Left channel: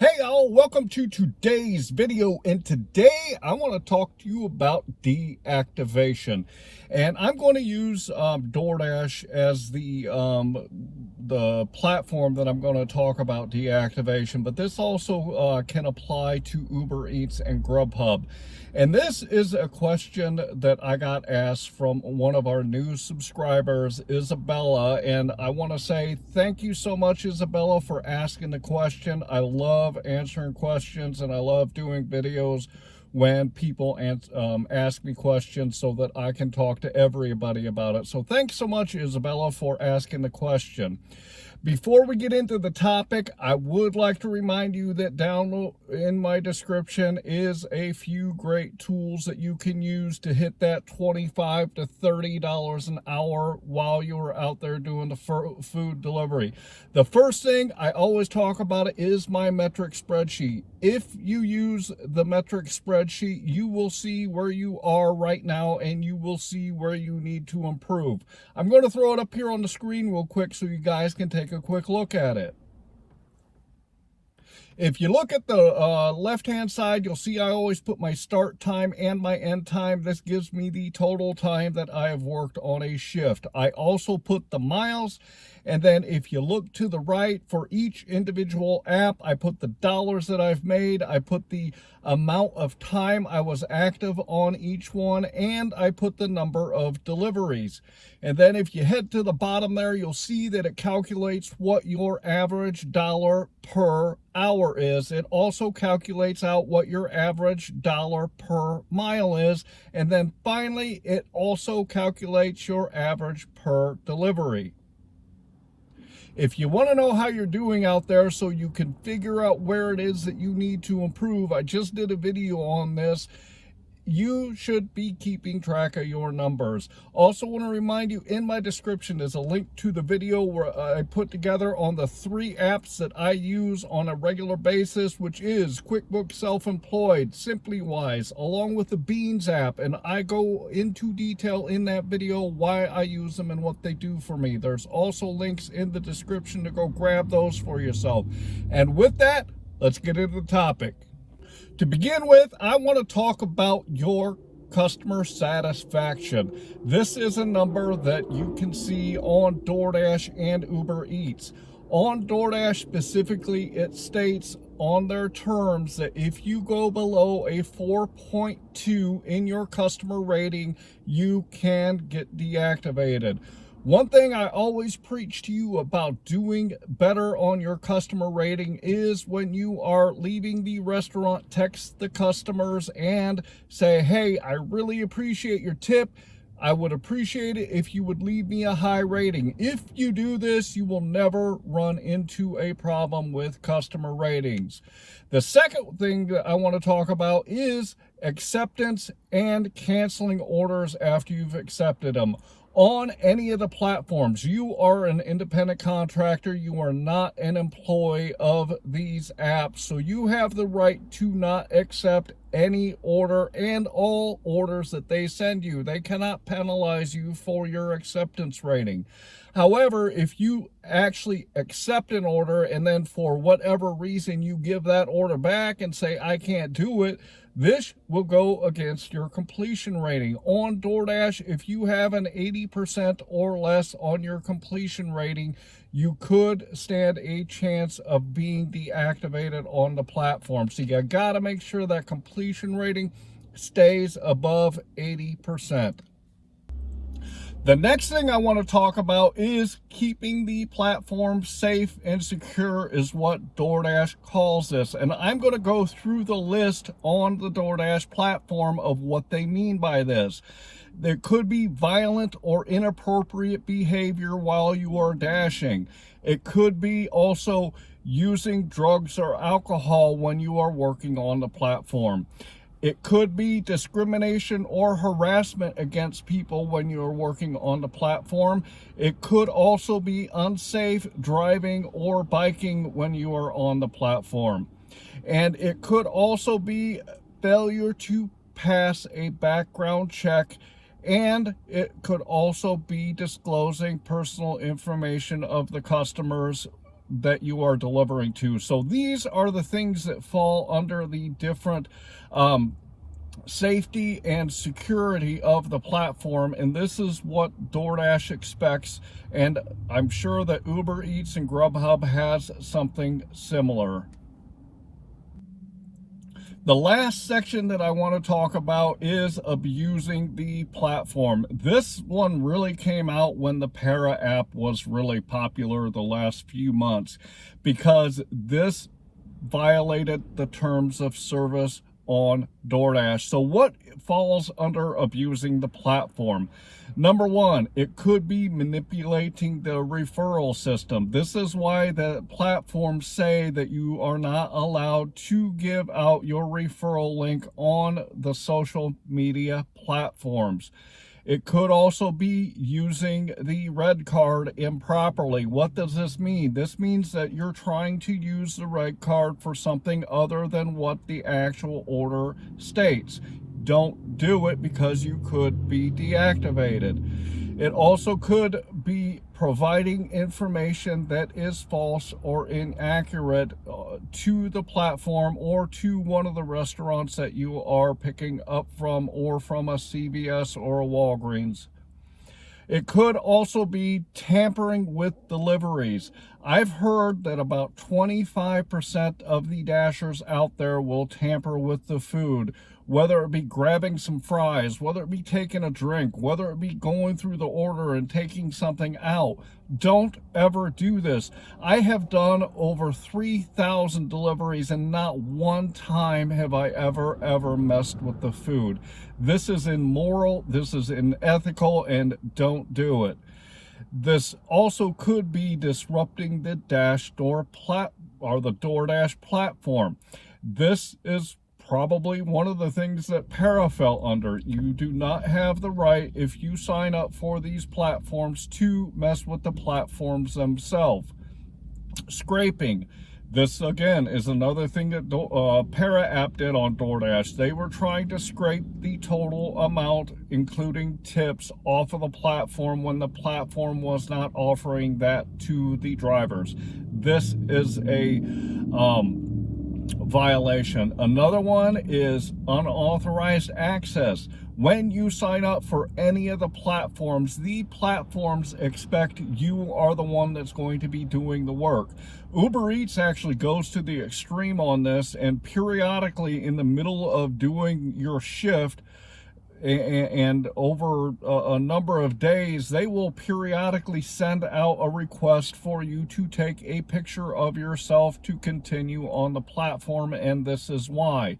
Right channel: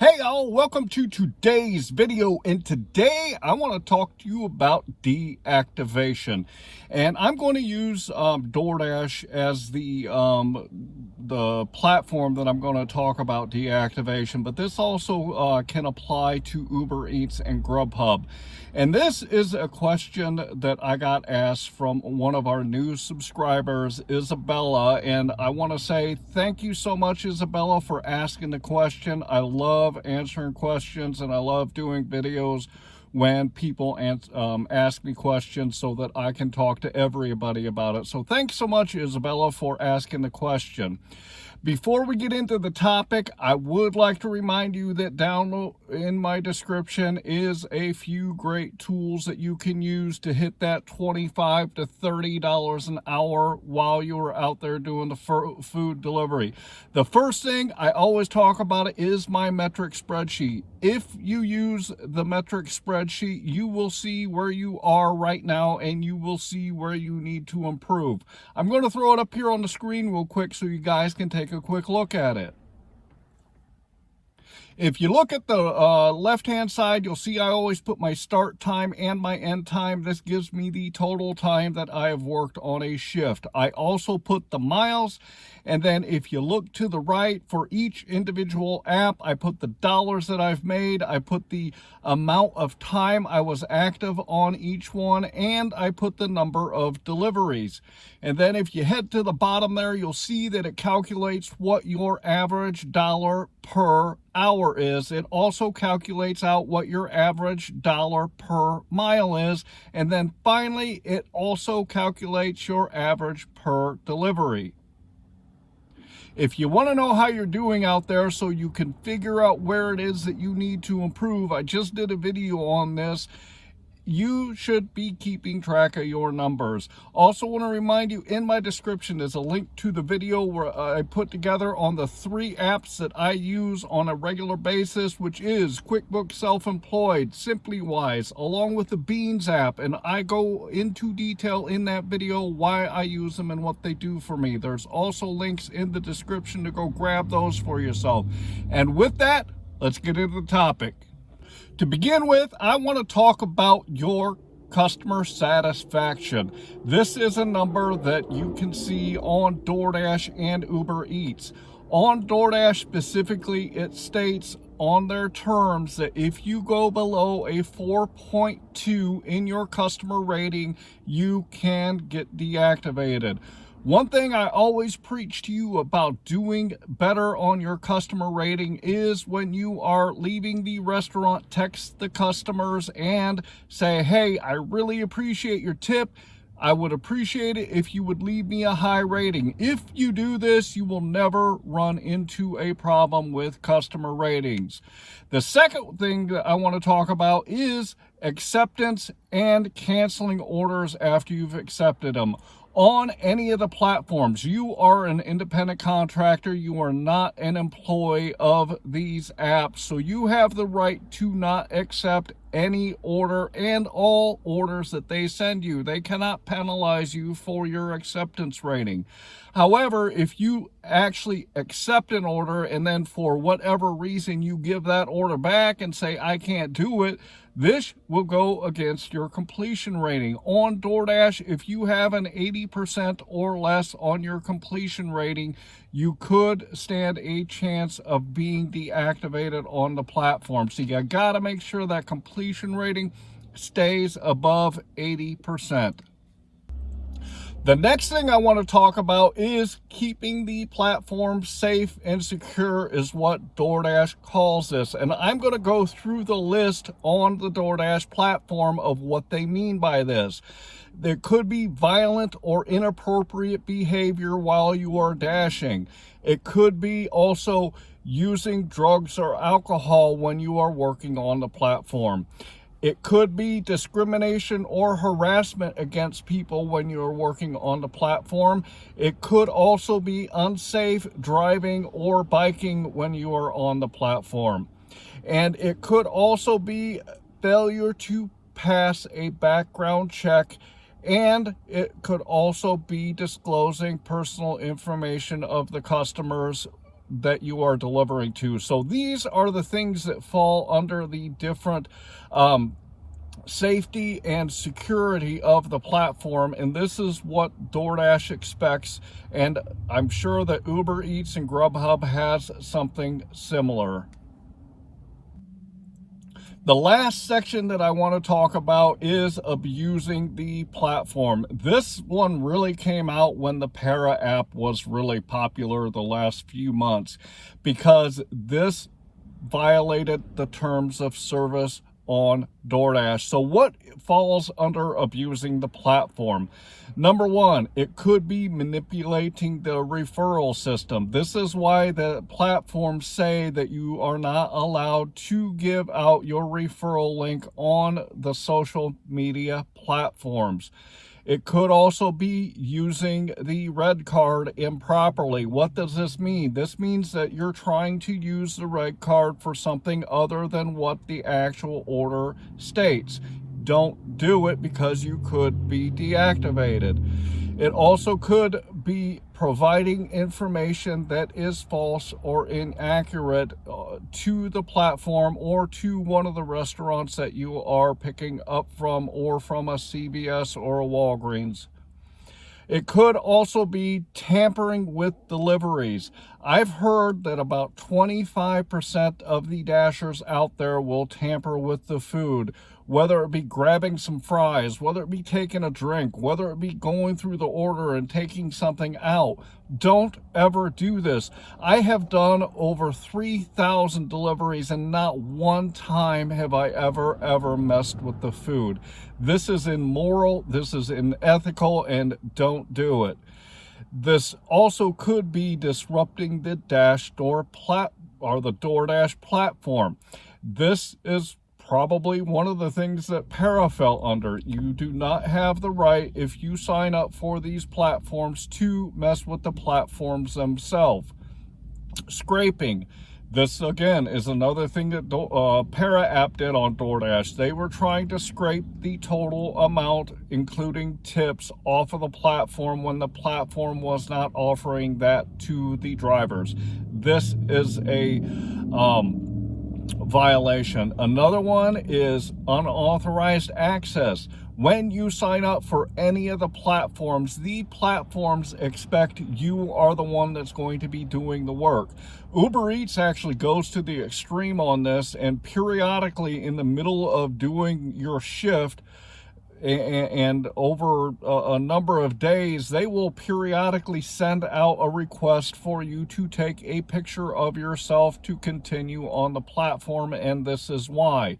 Hey y'all, welcome to today's video, and today I want to talk to you about deactivation. And I'm going to use DoorDash as the platform that I'm going to talk about deactivation, but this also can apply to Uber Eats and GrubHub. And this is a question that I got asked from one of our new subscribers, Isabela, and I want to say thank you so much, Isabela, for asking the question. I love answering questions, and I love doing videos when people ask me questions so that I can talk to everybody about it. So thanks so much, Isabela, for asking the question. Before we get into the topic, I would like to remind you that down in my description is a few great tools that you can use to hit that $25 to $30 an hour while you're out there doing the food delivery. The first thing I always talk about is my metric spreadsheet. If you use the metric spreadsheet, you will see where you are right now and you will see where you need to improve. I'm going to throw it up here on the screen real quick so you guys can take a quick look at it. If you look at the left-hand side, you'll see I always put my start time and my end time. This gives me the total time that I have worked on a shift. I also put the miles, and then if you look to the right, for each individual app, I put the dollars that I've made, I put the amount of time I was active on each one, and I put the number of deliveries. And then if you head to the bottom there, you'll see that it calculates what your average dollar per hour is. It also calculates out what your average dollar per mile is. And then finally, it also calculates your average per delivery. If you want to know how you're doing out there so you can figure out where it is that you need to improve, I just did a video on this. You should be keeping track of your numbers. Also want to remind you, in my description is a link to the video where I put together on the 3 apps that I use on a regular basis, which is QuickBooks Self-Employed, SimplyWise, along with the Beans app. And I go into detail in that video why I use them and what they do for me. There's also links in the description to go grab those for yourself. And with that, let's get into the topic. To begin with, I want to talk about your customer satisfaction. This is a number that you can see on DoorDash and Uber Eats. On DoorDash specifically, it states on their terms that if you go below a 4.2 in your customer rating, you can get deactivated. One thing I always preach to you about doing better on your customer rating is when you are leaving the restaurant, text the customers and say, hey, I really appreciate your tip. I would appreciate it if you would leave me a high rating. If you do this, you will never run into a problem with customer ratings. The second thing that I want to talk about is acceptance and canceling orders after you've accepted them. On any of the platforms, you are an independent contractor. You are not an employee of these apps. So you have the right to not accept any order and all orders that they send you. They cannot penalize you for your acceptance rating. However, if you actually accept an order and then for whatever reason you give that order back and say, I can't do it, this will go against your completion rating. On DoorDash, if you have an 80% or less on your completion rating, you could stand a chance of being deactivated on the platform. So you gotta make sure that completion rating stays above 80%. The next thing I want to talk about is keeping the platform safe and secure is what DoorDash calls this. And I'm going to go through the list on the DoorDash platform of what they mean by this. There could be violent or inappropriate behavior while you are dashing. It could be also using drugs or alcohol when you are working on the platform. It could be discrimination or harassment against people when you're working on the platform. It could also be unsafe driving or biking when you are on the platform. And it could also be failure to pass a background check. And it could also be disclosing personal information of the customers that you are delivering to. So these are the things that fall under the different safety and security of the platform, and this is what DoorDash expects, and I'm sure that Uber Eats and GrubHub has something similar. The last section that I want to talk about is abusing the platform. This one really came out when the Para app was really popular the last few months, because this violated the terms of service on DoorDash. So what falls under abusing the platform? Number one, it could be manipulating the referral system. This is why the platforms say that you are not allowed to give out your referral link on the social media platforms. It could also be using the red card improperly. What does this mean? This means that you're trying to use the red card for something other than what the actual order states. Don't do it, because you could be deactivated. It also could be providing information that is false or inaccurate to the platform or to one of the restaurants that you are picking up from, or from a CVS or a Walgreens. It could also be tampering with deliveries. I've heard that about 25% of the Dashers out there will tamper with the food, whether it be grabbing some fries, whether it be taking a drink, whether it be going through the order and taking something out. Don't ever do this. I have done over 3,000 deliveries, and not one time have I ever messed with the food. This is immoral, this is unethical, and don't do it. This also could be disrupting the the DoorDash platform. This is probably one of the things that Para fell under. You do not have the right, if you sign up for these platforms, to mess with the platforms themselves. Scraping. This, again, is another thing that Para app did on DoorDash. They were trying to scrape the total amount, including tips, off of the platform when the platform was not offering that to the drivers. This is a violation. Another one is unauthorized access. When you sign up for any of the platforms expect you are the one that's going to be doing the work. Uber Eats actually goes to the extreme on this, and periodically in the middle of doing your shift and over a number of days, they will periodically send out a request for you to take a picture of yourself to continue on the platform, and this is why.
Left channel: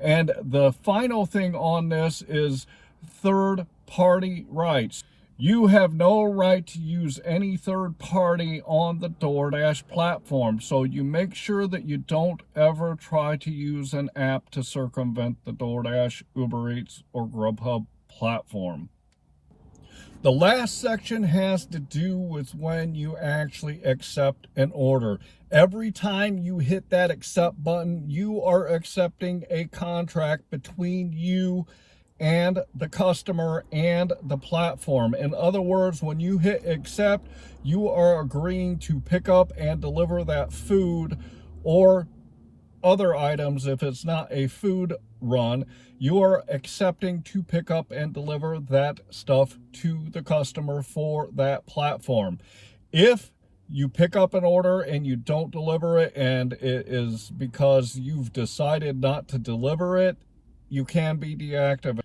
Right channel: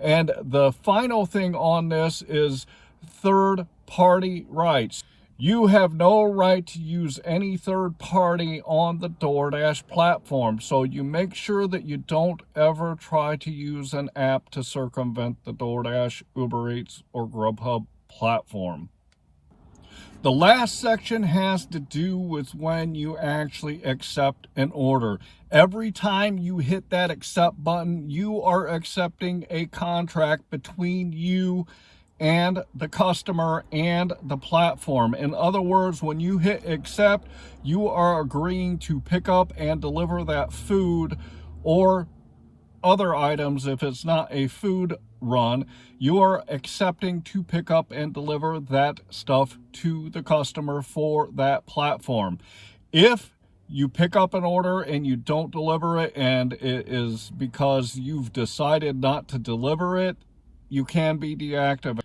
And the final thing on this is third-party rights. You have no right to use any third party on the DoorDash platform, so you make sure that you don't ever try to use an app to circumvent the DoorDash, Uber Eats, or GrubHub platform. The last section has to do with when you actually accept an order. Every time you hit that accept button, you are accepting a contract between you and the customer and the platform. In other words, when you hit accept, you are agreeing to pick up and deliver that food or other items. If it's not a food run, you are accepting to pick up and deliver that stuff to the customer for that platform. If you pick up an order and you don't deliver it, and it is because you've decided not to deliver it, you can be deactivated.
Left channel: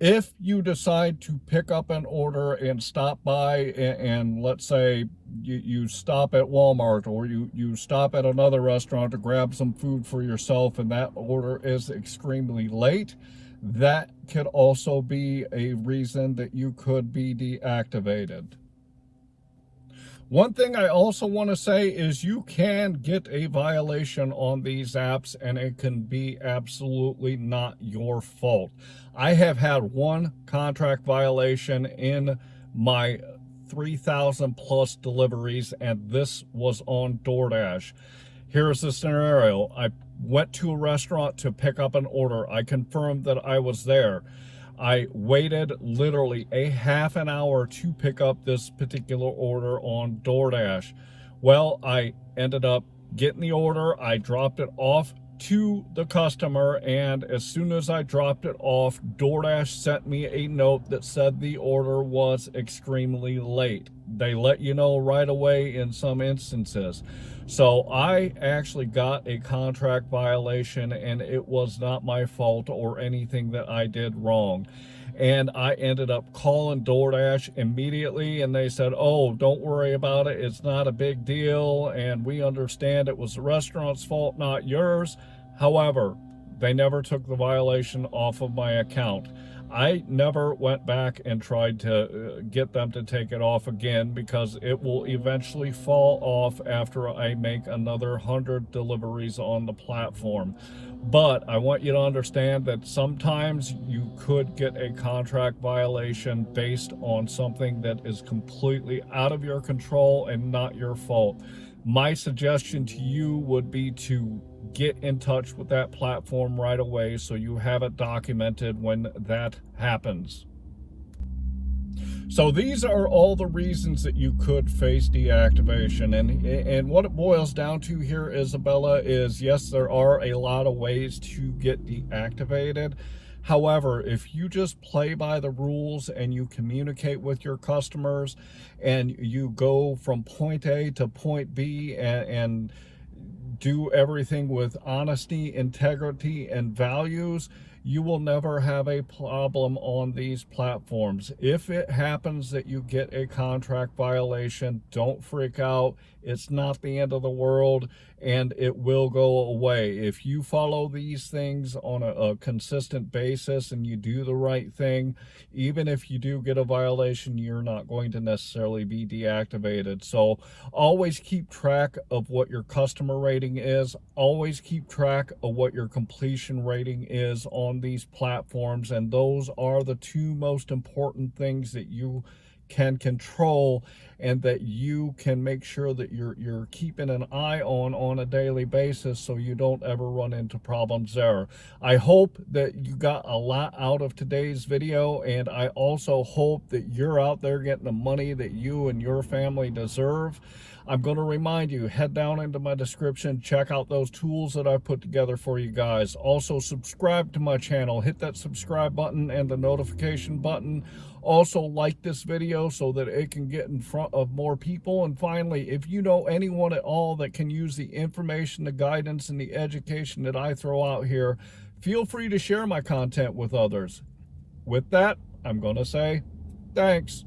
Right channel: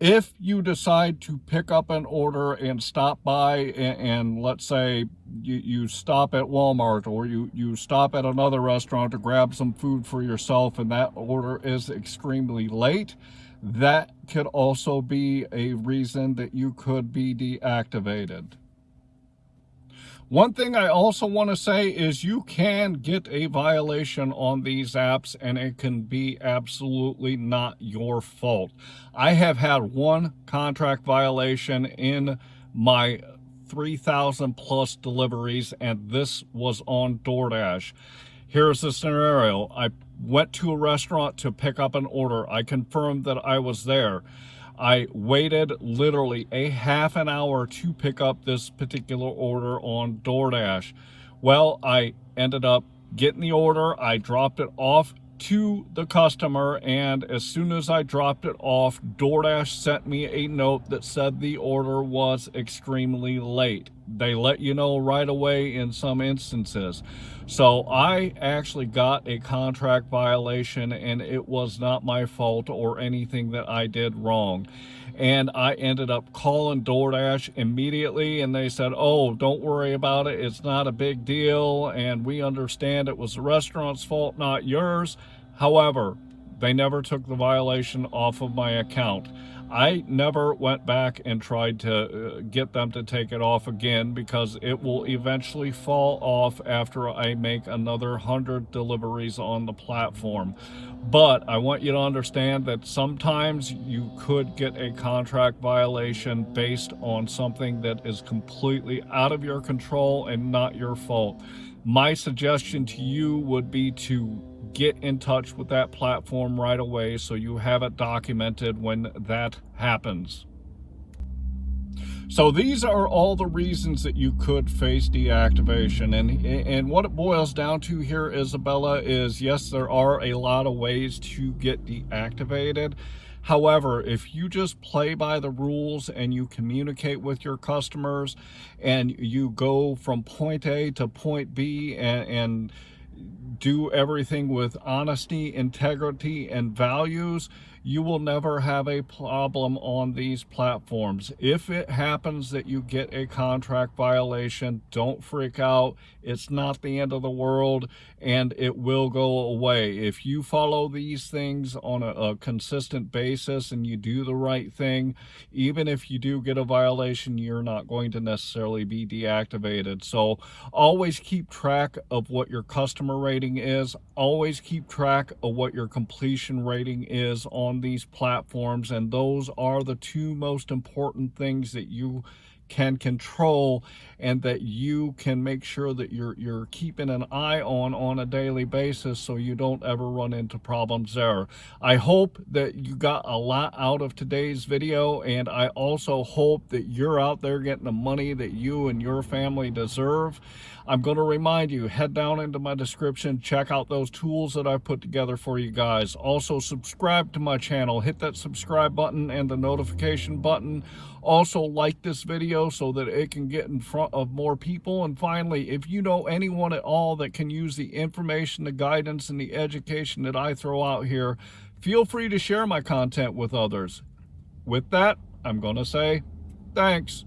If you decide to pick up an order and stop by, and let's say you stop at Walmart, or you stop at another restaurant to grab some food for yourself, and that order is extremely late, that could also be a reason that you could be deactivated. One thing I also want to say is you can get a violation on these apps, and it can be absolutely not your fault. I have had one contract violation in my 3,000 plus deliveries, and this was on DoorDash. Here's the scenario. I went to a restaurant to pick up an order. I confirmed that I was there. I waited literally a half an hour to pick up this particular order on DoorDash. Well, I ended up getting the order. I dropped it off to the customer, and as soon as I dropped it off, DoorDash sent me a note that said the order was extremely late. They let you know right away in some instances. So I actually got a contract violation, and it was not my fault or anything that I did wrong. And I ended up calling DoorDash immediately, and they said, oh, don't worry about it. It's not a big deal, and we understand it was the restaurant's fault, not yours. However, they never took the violation off of my account. I never went back and tried to get them to take it off again, because it will eventually fall off after I make another 100 deliveries on the platform. But I want you to understand that sometimes you could get a contract violation based on something that is completely out of your control and not your fault. My suggestion to you would be to get in touch with that platform right away so you have it documented when that happens. So these are all the reasons that you could face deactivation. And what it boils down to here, Isabella, is yes, there are a lot of ways to get deactivated. However, if you just play by the rules and you communicate with your customers and you go from point A to point B and do everything with honesty, integrity, and values, you will never have a problem on these platforms. If it happens that you get a contract violation, don't freak out. It's not the end of the world, and it will go away. If you follow these things on a consistent basis and you do the right thing, even if you do get a violation, you're not going to necessarily be deactivated. So always keep track of what your customer rating is. Always keep track of what your completion rating is on these platforms, and those are the two most important things that you can control and that you can make sure that you're keeping an eye on a daily basis so you don't ever run into problems there. I hope that you got a lot out of today's video, and I also hope that you're out there getting the money that you and your family deserve. I'm going to remind you, head down into my description, check out those tools that I've put together for you guys. Also, subscribe to my channel. Hit that subscribe button and the notification button. Also, like this video so that it can get in front of more people. And finally, if you know anyone at all that can use the information, the guidance, and the education that I throw out here, feel free to share my content with others. With that, I'm going to say thanks.